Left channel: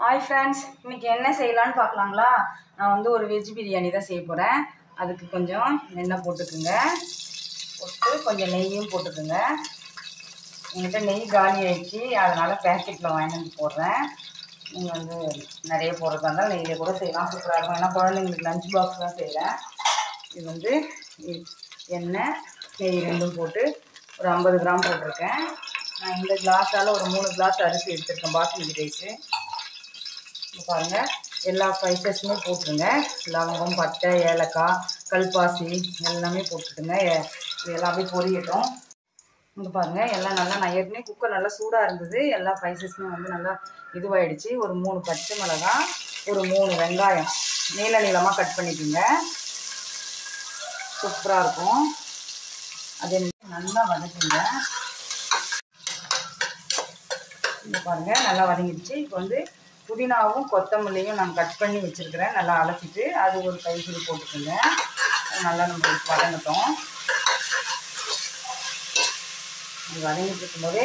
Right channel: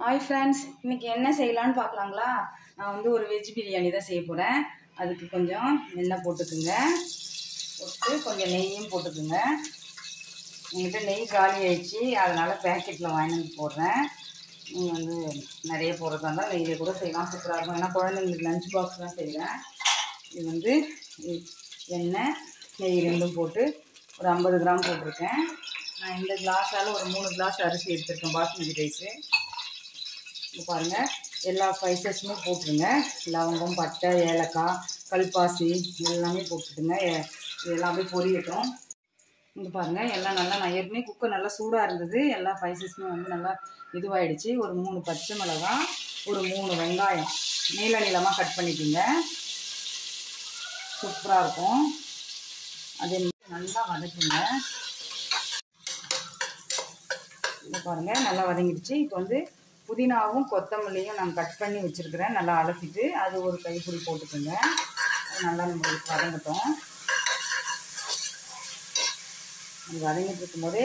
Hi friends, இன்றைக்கி என்ன செய்யலான்னு பார்க்கலாங்களா? நான் வந்து ஒரு வெஜ் பிரியாணி தான் செய்ய போகிறேன். அதுக்கு கொஞ்சம் எண்ணெய் போட்டுக்குங்க. போட்டு கொஞ்சம் நெய்யும் போட்டுக்குங்க. என்கிட்ட நெய் காலி ஆயிடுச்சு, அதனால் பேக்கெட்டில் வாங்கிட்டு வந்து போடுறேன். நீங்கள் வந்து நிறைய போடுறதா இருந்தால் நெய்யில் கூட செய்யலாம், சூப்பராக இருக்கும். ஏன்னா குழந்தைங்களுக்கு லஞ்ச் பாக்ஸ் தான் செய்கிறேன். இது வந்து எண்ணெய் நெய் ரெண்டும் போட்டு ஒரு 50 கிராம் போட்டிருக்கேன். நான் இந்த கிளாஸால் ஒரு 3 கிளாஸ் அரிசி எடுத்துருக்கேன், பாஸ்மதி ரைஸு. பாருங்கள், எல்லா ஸ்பைசஸுமே போட்டுருங்க. லவங்கம், பட்டை, ஏலக்காய், கல்பாசி எல்லாமே போட்டுட்டுங்க. இது எல்லாமே பொரியட்டும். இங்கே பாருங்கள், எல்லாம் நல்லா நான் ஏற்கனவே குக்கர் நல்லா சூடாக இருந்தது. எல்லா ஸ்பைசஸுமே வந்து நல்லா இதுவாகிடுச்சு. ஒரு 3 பச்சை மிளகாய், ஒரு 3 வெங்காயம் நீள நீளமாக கட் பண்ணிக்கோங்க. சூப்பராக இருக்கும். அதே நல்லா வதக்குங்க. இங்கே பாருங்கள், நல்லா வதங்கிடுச்சு. இப்போ வந்து புதினாவும் கொத்தமல்லியும் நான் கட் பண்ணி வச்சுருக்கிறேன். நல்லா அலசிட்டு அது ஒரு கைப்பிடி போட்டுக்கோங்க. நல்லா நம்ம வதங்கட்டும். இது வதங்கிட்டு இருக்கும்போதே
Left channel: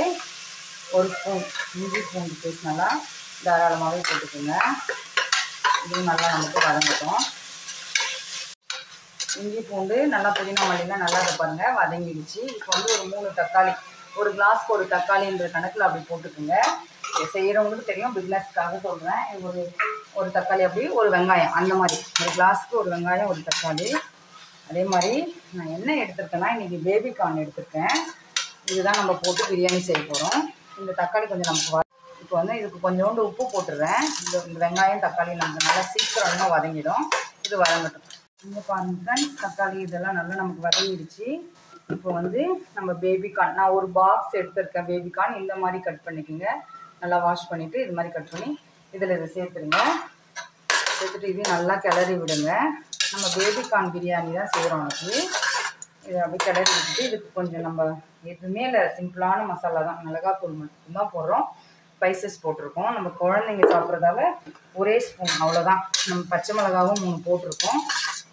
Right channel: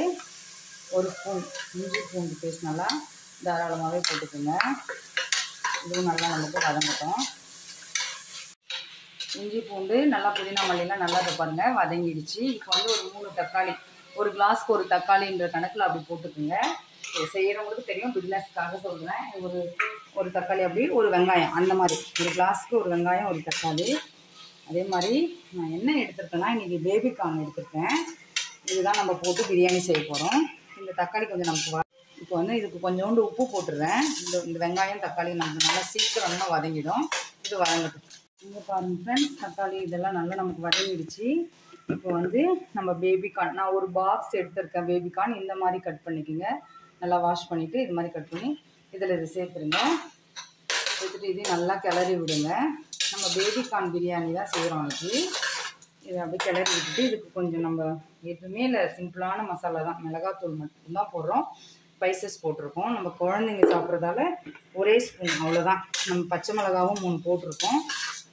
ஒரு ஸ்பூன் இஞ்சி பூண்டு பேஸ்ட் நல்லா தாராளமாகவே போட்டுக்கோங்க. இது நல்லா நமக்கு வதங்கட்டும். இஞ்சி பூண்டு நல்லா புதினா மல்லிலாம் நல்லா இதை பாருங்கள் வதங்கிடுச்சு. இப்போ வந்து ஒரு 3 தக்காளி, ஒரு கிளாஸ்க்கு ஒரு தக்காளின்ற கணக்கில் அப்படி போட்டுக்கோங்க. செய்கிறவங்களுக்கு தெரியும், பிஸ்னஸ்க்காக சொல்கிறேன். ஒரு தக்காளி அப்படி, ஒரு வெங்காயம் அந்த மாதிரி, ஒரு கிளாஸ்க்கு ஒரு வெங்காயம் ஒரு தக்காளி. அதே மாதிரி நான் என்ன எடுத்துருக்கேன்னா, இன்றைக்கி பேபிகார்ன் எடுத்துருக்கேன். இதுதான் நம்ம போட்டு பிரியாணி செய்ய போகிறோம். இந்த தக்காளி கொஞ்சம் நமக்கு இப்போ வந்து இதுக்கு கொஞ்சோண்டு உப்பு போட்டுடுறேன். இந்த வெங்காயம் தக்காளி நமக்கு நல்லா சீக்கிரமாக வதங்கிடும். இது வதங்கட்டும். இங்கே பாருங்கள் ஃப்ரெண்ட்ஸ், தக்காளி இதெல்லாம் நல்லா நமக்கு வதங்கிடுச்சு. இப்போ வந்து நம்ம பேபிகார்ன், நான் ஒரு பாக்ஸ் எடுத்துருக்கேன். பேபிகார்ன் இந்த மாதிரி கட் பண்ணிக்கோங்க. நல்லா வாஷ் பண்ணிவிட்டு இது மாதிரி கட் பண்ணி இதில் இதை சேர்த்துருங்க. சேர்த்துட்டு இது நல்லா கிளறி விடுங்க. நம்ம பேபிகார்ன் பிரியாணி தான் செய்கிறோம். அதுக்கு இதை அப்படியே கிளறி விட்டுட்டு இதுக்கு கொஞ்சம் நம்ம எதுவுமே இல்லை, சிம்பிளான மசாலா தான், மிளகாத்தூள் மட்டும்தான் போடுறோம். ஸ்பைசஸ் போட்டிருக்கோம். நம்ம குழந்தைங்க சாப்பிட்றதால ஒரே ஸ்பூன் அவ்வளோதான். நம்ம பச்சை மிளகாவும் 3 போட்டிருக்கோம்.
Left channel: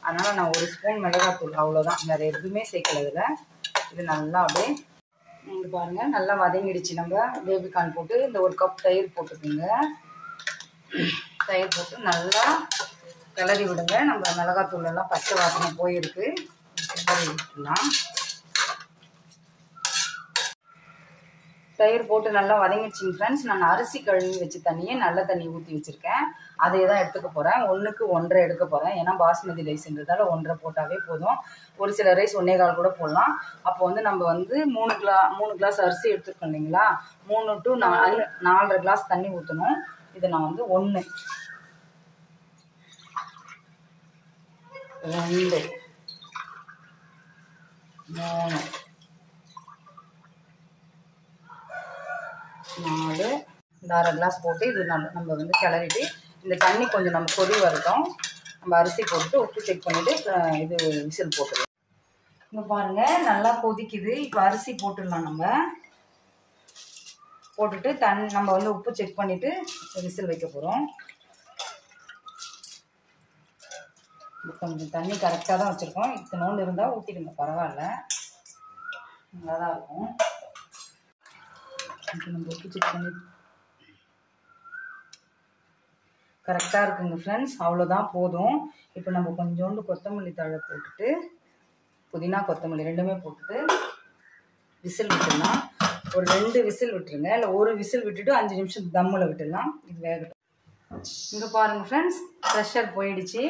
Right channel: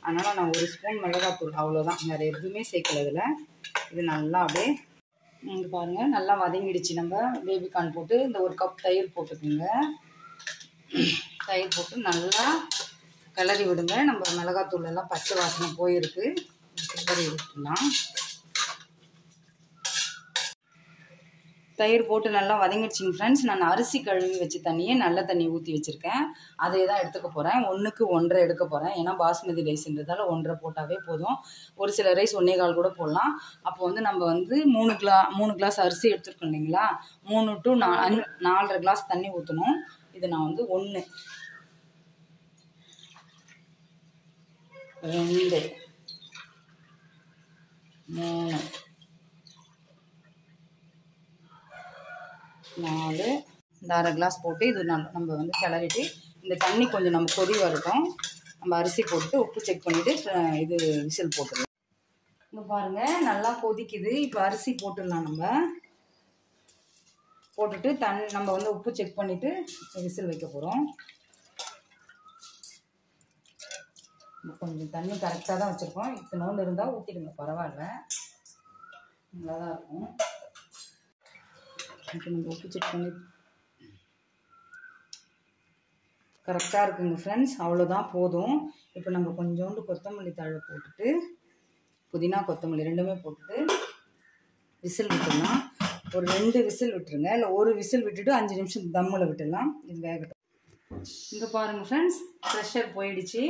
அதனால் நான் 1 ஸ்பூன் மிளகாத்தூள் அவ்வளோதான், வேறு எதுவுமே சேர்க்கறதில்ல. இது நல்லா அப்படியே இங்கே பாருங்கள் நல்லா வதங்கிடுச்சு. நம்ம பேபிகார்ன் போட்டு இந்த 1 கப் தயிர் போட்டுக்கோங்க. தயிர் போட்டு நல்லா கிளறி விடுங்க. நம்ம மிளகாத்தூள் எல்லாம் பச்சை வாசனை போயிருக்கு. கிளறி விட்டுலாம். தயிர் போட்டு நல்லா வதங்கிடுச்சிங்க ஃப்ரெண்ட்ஸ். நான் அரிசி கழுவி வச்ச தண்ணியே நல்ல தண்ணி ஊற்றி வச்சுருக்கேன். அதை தான் எடுத்துக்க போகிறேன். 1க்கு 1.5 எடுக்க போகிறேன். ஏன்னா பாஸ்மதி ரைஸ்ன்றதால 1.5 போட்டாவே போதும். ஒரு சில ரைஸ் 1.25 கூட போடலாம். அப்போ வந்து நம்ம வந்து 3 கிளாஸ் அரிசி எடுத்துருக்கோம் இல்லைங்களா, 3 to 4.5 கிளாஸ் தண்ணி ஊற்றணும். இது நான் வந்து 1 2 3 4 இந்த 1/2 கிளாஸ் போட்டு இது நம்ம வந்து கிளறிட்டு இந்த தண்ணி கொஞ்சம் நம்ம கொதி வரட்டும். நம்ம அரிசி போட்டு உப்பு செக் பண்ணிவிட்டு இது விசில் போட்டுடலாம். இங்கே பாருங்கள் நல்லா கொதிக்குது. இப்போ அரிசி போட்டுடலாம். நம்ம போட்டுட்டு நம்ம வந்து உப்பு செக் பண்ணிவிட்டு விசில் வைக்க போகிறோம். கொஞ்சம் தண்ணி கரெக்டாக தான் வச்சுருக்கோம். இத்தனோண்டு இருந்தால் ஊற்றிடுங்க, பரவாயில்ல, நல்லா தான் இருக்கும். இப்போ நம்ம உப்பு செக் பண்ணி கரெக்டாக இருக்குங்க ஃப்ரெண்ட்ஸ். அவ்வளோதான், போதும். இப்போ நம்ம கொஞ்சோண்டு கொத்தமல்லி தழை போட்டுட்டு புதினா கொத்தமல்லி ரெண்டுமே போட்டுட்டு விசில் விட்டுடலாம். ஒரு 2 விசில் விட்டுருங்க, இல்லை ஒரு விசில் விட்டுட்டு 5 நிமிஷம் தம்மில் விட்டுடலாம். இது வேகட்டும். இங்கே பாருங்கள் ஃப்ரெண்ட்ஸ், ப்ரெஷர் போயிடுச்சு.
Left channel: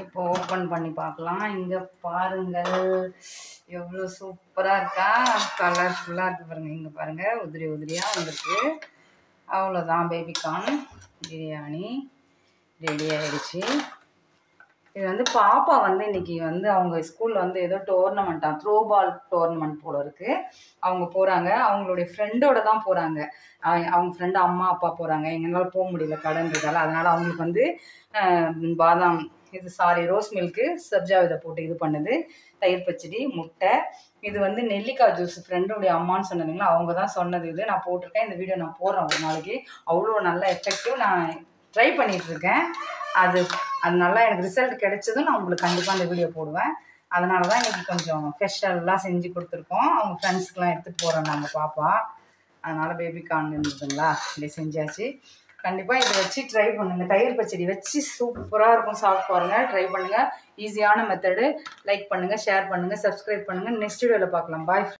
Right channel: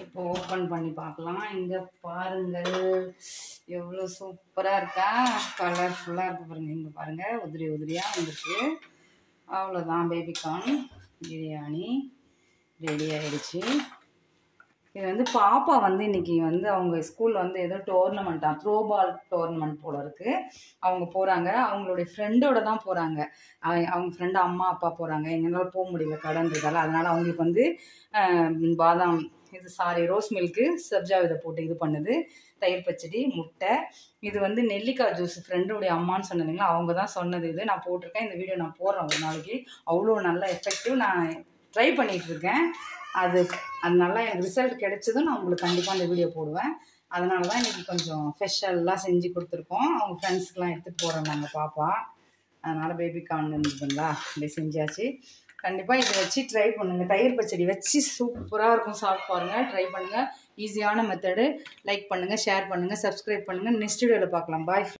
இப்போ ஓப்பன் பண்ணி பார்க்கலாம். இங்கே பாருங்கள் எவ்வளோ சூப்பராக இருக்கா, கலர்ஃபுல்லாக இருக்குது பாருங்கள். இங்கே பாருங்கள், உதிரி உதிரியாக வந்துருக்கு. அவ்வளோதான், பேபிகார்ன் பிரியாணி ரெடி ஆகிடுச்சு. இது வந்து பாப்பா வந்து இன்றைக்கி வந்து அவங்க ஸ்கூலில் வந்து ஏதோ டோர்னமெண்ட்டாக, த்ரோ பால் டோர்னமெண்ட் போல இருக்குது. அவங்க போகிறாங்க. அவங்களுடைய ஃப்ரெண்டோட தான் போகிறாங்க. அவங்க ஃப்ரெண்டு அம்மா அப்பா போகிறாங்க. எங்களால் போக முடியல கடன்றதால. அதனால் அவங்களுக்கு வந்து பாதாம் ரோஸ் மில்க்கு சப்ஜா விதை போட்டு இது பண்ணுது, தயிர் பச்சடி, முட்டை. இது வந்து நெல்லிக்காய் ஜூஸ் ஃப்ரெண்டுடைய அம்மான்னு சொன்னதுங்களா, அவங்க தான் சொன்னது. இது நான் போட்டிருக்கேன். இந்த வீடியோ நான் போடுறேன் ஒரு நாளைக்கு. அவ்வளோ நல்ல எஃபெக்டிவ். நான் ட்ரை பண்ணிகிட்ருக்கேன். அது நல்லா எனக்கு ரிசல்ட் கிடைச்சதும் நான் உங்களுக்கு கண்டிப்பாக அந்த வீடியோ போடுவேன். அதனால தான் எனக்கு கொஞ்சம் ஸ்பெஷல்லாம் செஞ்சு கொடுத்துருக்கோம். அவங்க ஃப்ரெண்ட்ஸ்க்கெலாம் எடுத்துகிட்டு போகிறோம் நாங்கள் பாப்பா. அதனால் பேபிகார்ன் இருந்ததுங்களா, இப்படி செஞ்சாச்சு. கண்டிப்பாக இதை வச்சு ட்ரை பண்ணுங்கள். தயிர் பச்சடி வச்சு சூப்பராக இருக்கும். சாப்பிட்டு பாருங்கள், ட்ரை பண்ணுங்கள். ஈஸியான மெத்தடு. லைக் பண்ணுங்கள், ஷேர் பண்ணுங்கள், சப்ஸ்கிரைப் பண்ணுங்கள். நெக்ஸ்ட் வீடியோவில் பார்க்கலாம். பாய்.